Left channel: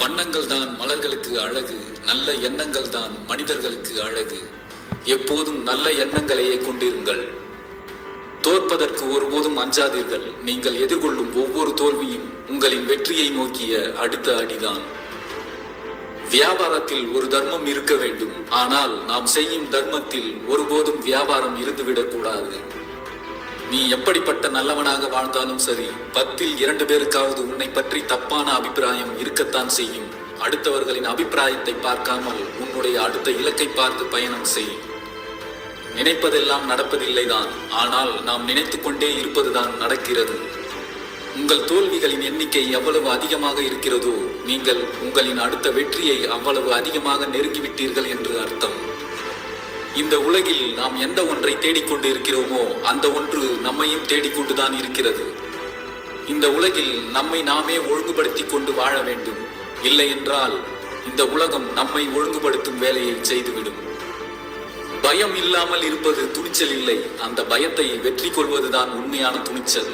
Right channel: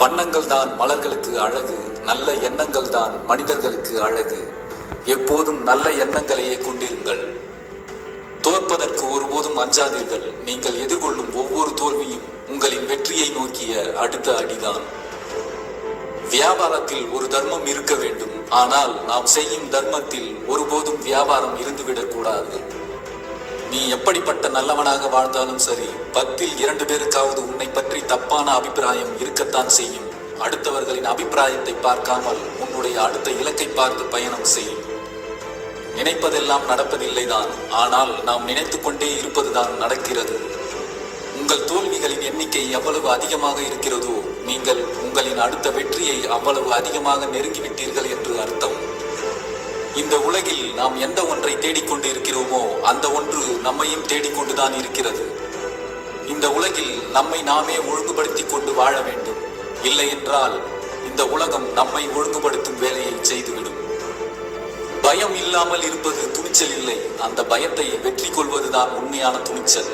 வண்ணங்கள் தான் மலர்களுக்கு அழகு, நல்ல எண்ணங்கள் தான் மனிதர்களுக்கு அழகு. எப்போதும் நல்ல எண்ணங்களையே கொண்டிருங்கள். தோற்பதற்கு ஒருபோதும் அஞ்சாதீர்கள். நீங்கள் எதிர்கொள்ளும் ஒவ்வொரு தோல்வியும் உங்களின் வெற்றியை நோக்கிய அடுத்த அடிதான். வியாபாரத்தில் ஒரு தர்மம் இருக்க வேண்டும், ஆனால் நாம் செய்யும் தர்மத்தில் ஒருபோதும் வியாபாரம் இருந்துவிடக் கூடாது. நீ எப்படிப்பட்ட நல்லவனாக வாழ்ந்தாலும் சரி, 10ல் 2 பேருக்காவது உன்னை பற்றி தப்பான அபிப்பிராயம் இருக்கத்தான் செய்யும். அடுத்தவர்களின் அபிப்பிராயத்தை பார்க்காமல் உன்னுடைய அடுத்த இலக்கை பார்த்து பயணம் செய். நினைப்பதெல்லாம் நடப்பதில்லைதான், ஆனால் நாம் நினைத்து கொண்டே இருப்பதுதான் நடக்கிறது. உங்கள் தோல்விகளின் எண்ணிக்கை எவ்வளவு அதிகமாக இருக்கிறதோ, நீங்கள் உங்களின் அடுத்த வெற்றியை அவ்வளவு அதிகமாக நெருங்கிவிட்டீர்கள் என்று அர்த்தம். இந்த உலகில் நாம் எந்த ஒன்றை தேடிக்கொண்டு இருக்கிறோமோ அந்த ஒன்று நம்மையும் தேடிக்கொண்டுதான் இருக்கிறது. இந்த உலகில் நம்மை நாமே ஒழுங்குபடுத்தி கொண்டு வாழ வேண்டும். இல்லை என்றால் இந்த உலகம் நம்மை ஒழுங்குபடுத்தும் வேலையை செய்துவிடும். பயம் இல்லாமல் இருப்பது துணிச்சல் இல்லை, அந்த பயத்தை வெற்றி கொள்வதுதான் உண்மையான துணிச்சல்.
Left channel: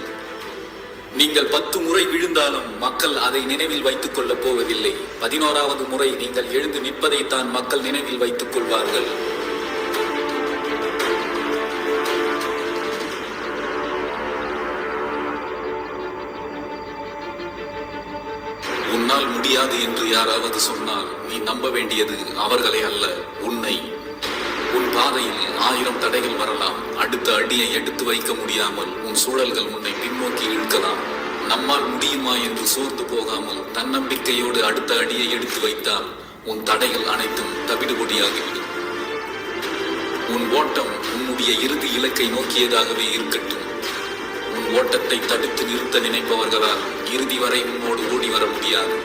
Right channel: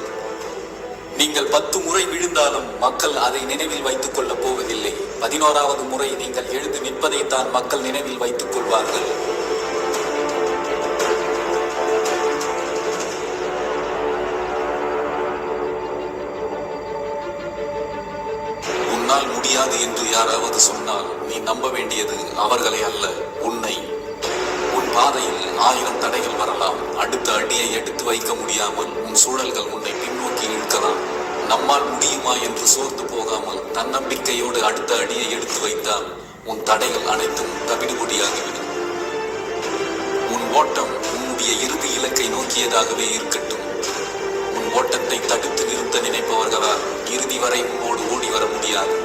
நீங்கள் 10 முறை விழுந்தாலும் மக்கள் அதை நினைவில் வைத்துக் கொள்ளப் போவதில்லை. 11வது முறை நீங்கள் எழுந்து நிற்பதைத்தான் மக்கள் நினைவில் வைத்துக் கொள்வார்கள். உன்னால் முடியாது என்று யாராவது சொன்னால் நீ நம்ப வேண்டியது அவர்களை அல்ல, உன்னை. உன் பாதையில் 1000 தடைகள் வரலாம். அடுத்த அடியை எடுத்து வைக்க முடியாமல் உன் சூழல்கள் உன்னை பின்னோக்கி இழுக்கலாம். நம்மால் முடியுமா என்று சோர்ந்து போகாமல் தன்னம்பிக்கையோடு அடுத்த அடியை எடுத்து வைத்தால் உன் தடைகள் அனைத்தும் தவிடுபொடியாகிவிடும். உன் ஓட்டம் உன்னுடைய இறுதி இலக்கை நோக்கியதாகவே இருக்கட்டும். உன் ஓட்டத்தை தடுத்து நிறுத்த நினைப்பவர்களால் இறுதி வரை உன்னோடு ஓடி வர முடியாது.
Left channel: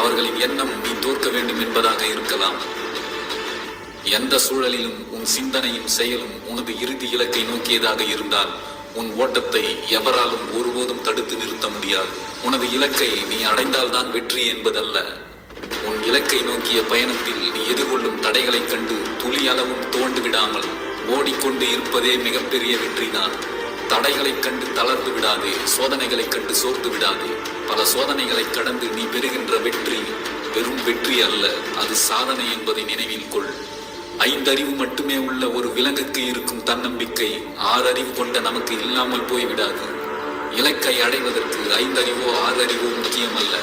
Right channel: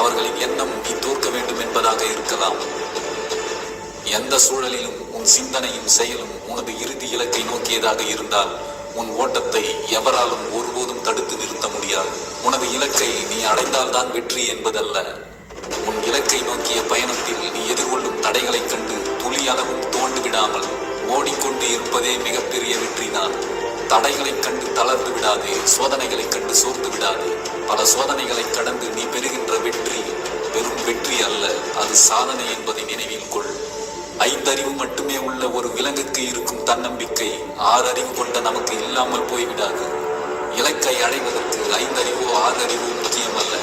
அவர்களின் எண்ணம் நீ தோற்க வேண்டும் என்பதாக இருக்கலாம். எந்த சூழலிலும் உன் சிந்தனையும் செயலும் உனது இறுதி இலக்கை நோக்கியதாக இருந்தால் உன் ஓட்டத்தை எவராலும் ஒருபோதும் தடுத்து நிறுத்த முடியாது. உனது இலக்கை நீ அடைந்தால்தான் வெற்றி என்பதல்ல. உன் இலக்கை நோக்கிய பயணத்தில் நீ எதிர்கொள்ளும் தடைகளைக் கண்டு துளி அளவும் தோண்டு விடாமல் ஓடிக்கொண்டு இருப்பதே மிகப்பெரிய வெற்றிதான். தடைகளைக் கண்டு தளர்ந்து விடாதே, சோதனைகளைக் கண்டு சோர்ந்து விடாதே. பல சோதனைகளை கடந்து நீ பெறுகின்ற வெற்றி வெறும் வெற்றி அல்ல, அது சாதனை என்பதை நினைவில் கொள். 5 அறிவு மட்டுமே உள்ள ஒரு விலங்குக்கு இருக்கும் தன்னம்பிக்கை 6 அறிவு கொண்ட நமக்கு இல்லாமல் போய்விடாது. இலக்கை அடைவதற்கு 5 அறிவோ 6 அறிவோ முக்கியம் அல்ல,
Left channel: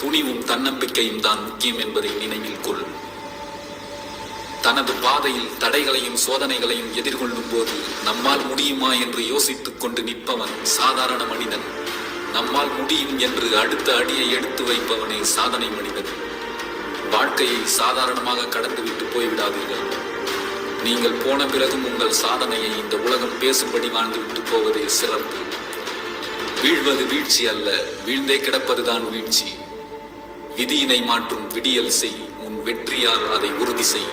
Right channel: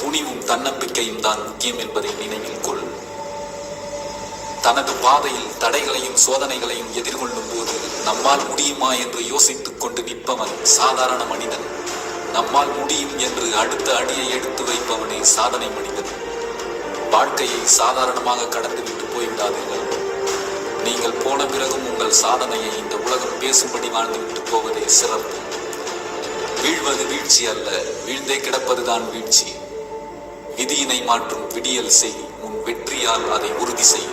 துணிவும் தன்னம்பிக்கையும் தான் முக்கியம் என்பதை நினைவில் கொள். தனது பாதையில் தடைகளையும் சோதனைகளையும் எதிர்கொள்ளும் போது நம்மால் முடியுமா என்று யோசித்துக் கொண்டு நிற்பவன் சாதாரண மனிதன். நம்மால் முடியும் என்று அடுத்த அடியை எடுத்து வைப்பவனே சாதனை மனிதன். வாழ்க்கையை சாதாரணமாக கடந்துவிட்டு போய்விடாதீர்கள். நீங்கள் போன பிறகும் உங்கள் சாதனையை இந்த உலகம் பேசும்படி வாழ்ந்துவிட்டு போவதே சிறப்பு. வீழ்வது வீழ்ச்சி அல்ல, வீழ்ந்தே கிடப்பதுதான் வீழ்ச்சி. விதியினை மாற்றும் விடியல் செய், உன் வெற்றியால் அதை உறுதி செய்.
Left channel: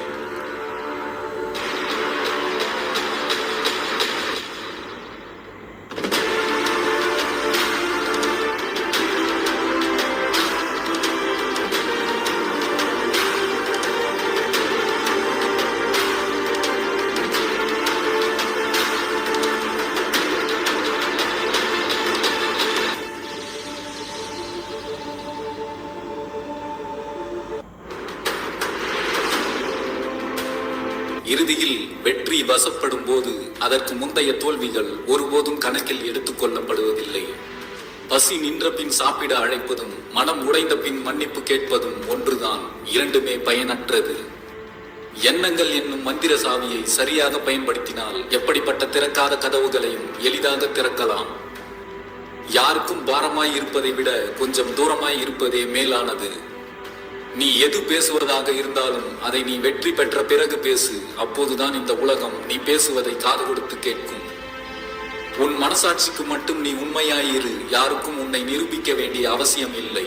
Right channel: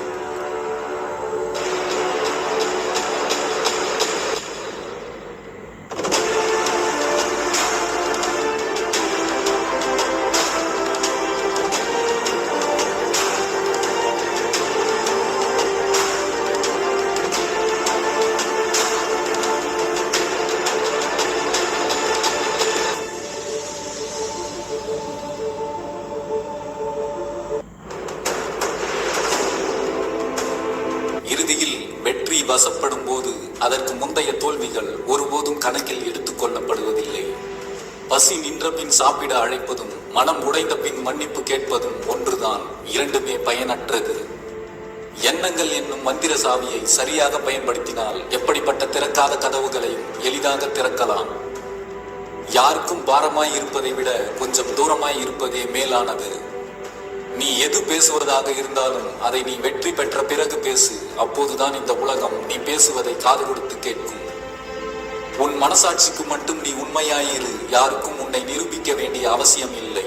இறுதியில் வெற்றி வசப்படும் போது அதற்கு முந்தைய தோல்விகள் ஒருபோதும் கணக்கில் எடுத்துக் கொள்ளப்படுவதில்லை. பசி நின்ற பின் சாப்பிட அழைப்பதும் மனம் உடைந்த பின் மன்னிப்பு கேட்பதும் ஒன்றுதான். இரண்டுமே பயனற்றது. எண்ணங்கள் என்னும் மந்திர சாவியை சரியாக பயன்படுத்தினால் எப்படிப்பட்ட திறக்காத கதவுகளையும் எளிதாக திறக்கலாம். யாருக்கும் பாரமாய் இருப்பதை விட கொஞ்சம் தூரமாய் இருப்பதே மேலானது. நீ எது பேசுவதாக இருந்தாலும் அதை நீ வெற்றி பெற்ற பிறகு பேசு. அப்போதுதான் இந்த உலகம் நீ பேசுவதை காது கொடுத்து கேட்கும். உன் மனசாட்சிக்கு மட்டும் நீ உண்மையாயிரு. யாருக்கும் உன்னை நிரூபிக்க வேண்டிய அவசியம் இல்லை.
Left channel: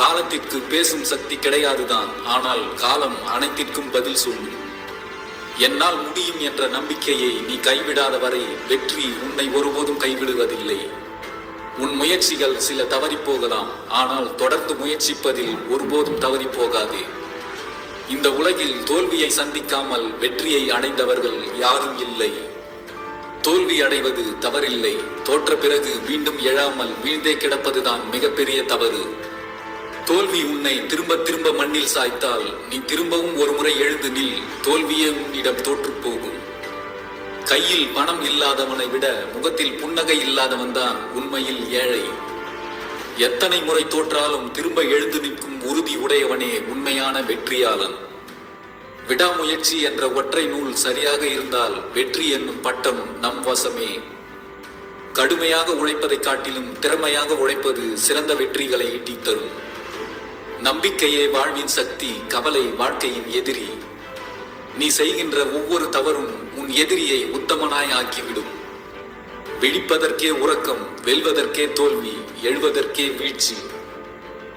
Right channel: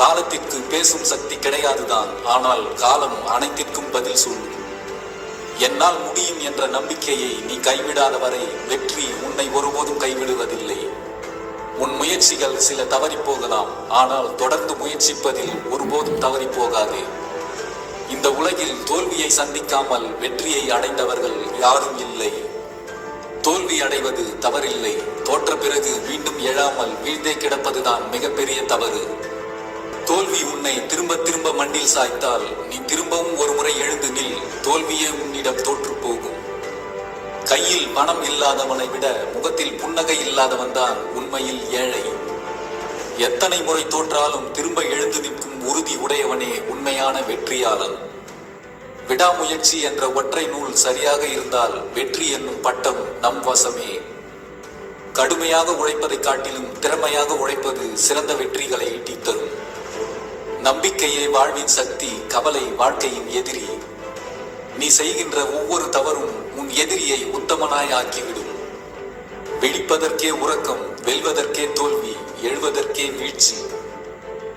காலத்திற்கு பேசும் சக்தி கிடையாதுதான், ஆனால் காலம் அனைத்திற்கும் பதில் சொல்லும். என்னால் முடியும் என்ற நம்பிக்கையை நீ கைவிடாத வரை வெற்றி உன்னை ஒருபோதும் கைவிடுவதில்லை. உன் முயற்சிகள் சில தவறி போகலாம், ஆனால் தொடர்ந்து முயற்சிப்பதில் ஒருபோதும் தவறி போகாதே. இந்த உலகில் தோல்வியை சந்திக்காமல் வெற்றியை அடைந்தவர்கள் யாரும் இல்லை. தோல்வி அடைவது தவறில்லை, தோற்ற பிறகு மீண்டும் எழாமல் வீழ்ந்தே கிடப்பதுதான் மிகப்பெரிய தவறு. தோல்வி உன்னை திரும்ப திரும்ப மண்ணில் சாய்த்தால் நீ திரும்பவும் ஒரு முறை எழுந்து நில். தோல்வியே உன்னிடம் தோற்று போகும். கையில் பணம் இல்லாதவனை விட முகத்தில் புன்னகை இல்லாதவன்தான் உண்மையில் ஏழை. எத்தனை முறை தோற்றாலும் திரும்ப எழுந்து நிற்கும் உறுதி உடையவனே உண்மையான வெற்றியாளன். விடாமுயற்சி என்ற ஒற்றை நூல் சரியாக இருந்தால் வெற்றி என்னும் பட்டம் நம் வசமே. கடுமையாக உழைப்பதை காட்டிலும் திறமையாக உழைப்பது சிறந்த வெற்றிகளை ஈட்டித் தரும். நம்பிக்கையே வாழ்வின் சக்தி, கவலை வாழ்க்கையின் எதிரி. நீ செய்கின்ற ஒவ்வொரு தவறும் உன் எதிரியை உத்தமனாய் ஆக்கிவிடும். விழிப்பதற்கே உறக்கம், வெல்வதற்கே தோல்வி, எழுவதற்கே வீழ்ச்சி.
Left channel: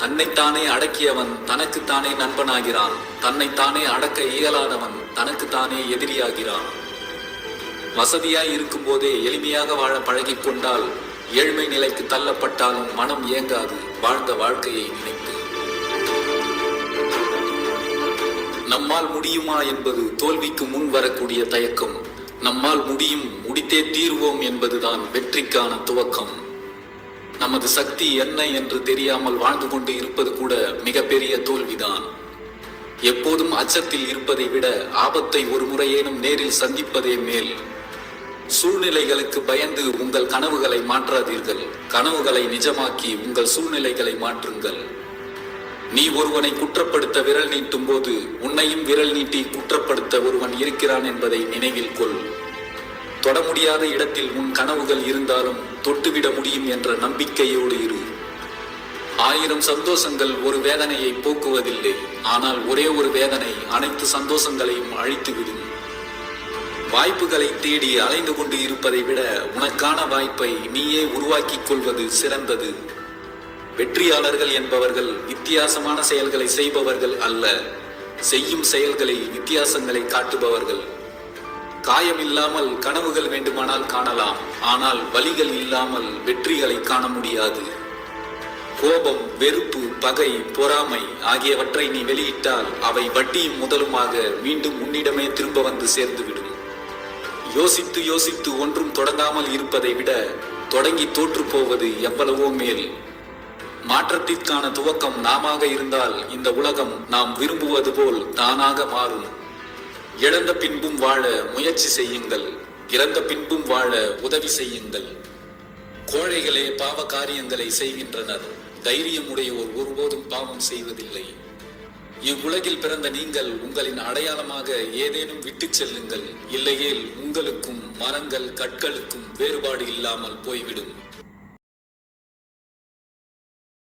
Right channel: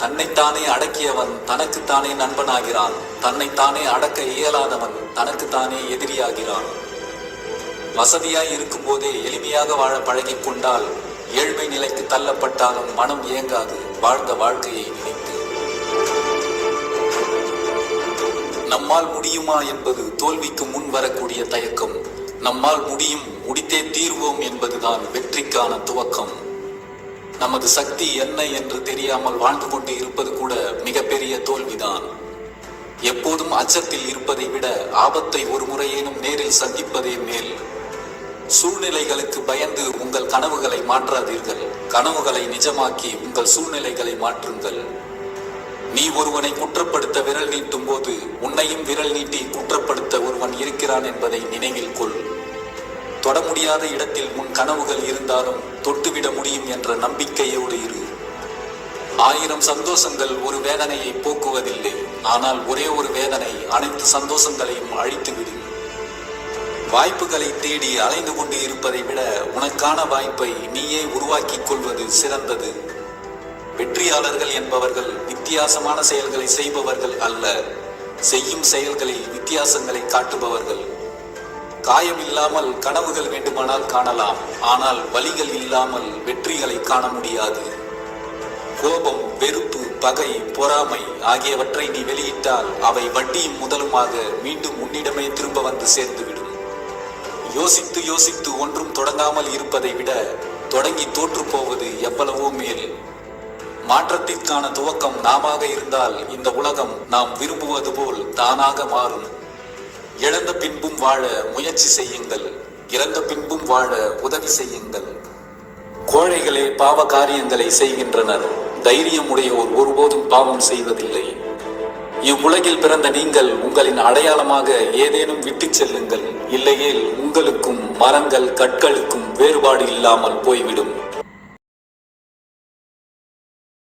தன்னைத்தானே அடக்கியவன் தனக்குத்தானே நண்பனாகிறான். தன்னைத்தானே அடக்க இயலாதவன் தனக்குத்தானே எதிரியாகிறான். வசதியாய் இருக்கும் போதே எளிமையாக வாழ பழகிக் கொண்டால் ஏழ்மை நிலைக்கு தள்ளப்பட்டாலும் மனம் ஏங்காது வாழ்ந்த வாழ்க்கையை நினைத்து. நம்மால் முடியுமா என்பது தோல்விக்கு முன் வரக்கூடிய தயக்கம். நம்மால் முடியும், முடித்தே தீர்வோம் என்பதுதான் வெற்றிக்கான துவக்கம். நமது சக்தி என்ன என்று தெரியாமல் வாழ்ந்து கொண்டு இருப்பது கூட மிகப்பெரிய தோல்விதான். எப்போதும் அச்சத்தில் இருப்பதை விட ஆபத்தை ஒரு முறையேனும் நேரில் சந்திப்பதே மேல். சூழ்நிலைகளுக்கு பயந்து உங்கள் கனவுகளை மாற்றாதீர்கள். கனவுகளை நிஜமாக்கி உங்கள் சூழ்நிலைகளை மாற்றுங்கள். நீ ஒருவனை குற்றப்படுத்த விரல் நீட்டும் போது உன்னையும் விரல் நீட்டி குற்றப்படுத்த ஒருவன் இருக்கிறான் என்பதை நினைவில் கொள். தொட முடியாத இடத்தில் உன் கனவுகள் இருந்தாலும் தொட்டுவிட முடியும் என்ற நம்பிக்கையோடு இரு. 1000 சந்தோஷங்கள் ஒரு வேதனையை போக்குவதில்லை. ஆனால் ஒரே ஒரு வேதனை அனைத்து சந்தோஷங்களையும் அழித்துவிடும். வாய்ப்புகளை தேடி அலைந்து கொண்டு இருப்பதை விட உனக்கான வாய்ப்பை நீயே உருவாக்கிக் கொள்வது சிறந்தது. வெற்றியாளர்கள் என்பவர்கள் வித்தியாசமான செயல்களை செய்பவர்கள் அல்ல, செய்யும் செயல்களில் வித்தியாசங்களை காட்டுபவர்கள். காயம் இல்லாமல் கனவுகள் வேண்டுமானால் காணலாம், ஆனால் வலிகள் இல்லாமல் வெற்றிகளை காண முடியாது. கோபம், வெறுப்பு, பகை, பொறாமை ஆகியவற்றை நீ வெளியிட்டால் அவை வட்டியும் முதலுமாக மீண்டும் உன்னிடமே திரும்ப வந்து சேர்ந்துவிடும். யோசித்து யோசித்து ஒன்றும் தொடங்காமல் இருப்பதை விட தொடங்கி தோற்று போவது எவ்வளவோ மேல். மாற்றத்திற்கான துவக்கம் நாமாக இருந்தால் இந்த உலகம் நாம் விரும்புவது போல் தானாக மாறும். இழந்த பின்பும் வாழ முயற்சி செய்யுங்கள். இறந்த பின்பும் வாழ உதவி செய்யுங்கள். கோழைகளே பாவ காரியங்களை செய்கின்றனர். தைரியம் உடையோர் ஒருபோதும் பாவம் செய்வதில்லை. இவ்வுலகில் பிறந்த நீங்கள் உங்களின் அடையாளமாக ஏதேனும் விட்டு செல்லுங்கள். இல்லையேல் உங்களுக்கும் மரங்கள் கற்களுக்கும் வேறுபாடு இல்லாமல் போய்விடும்.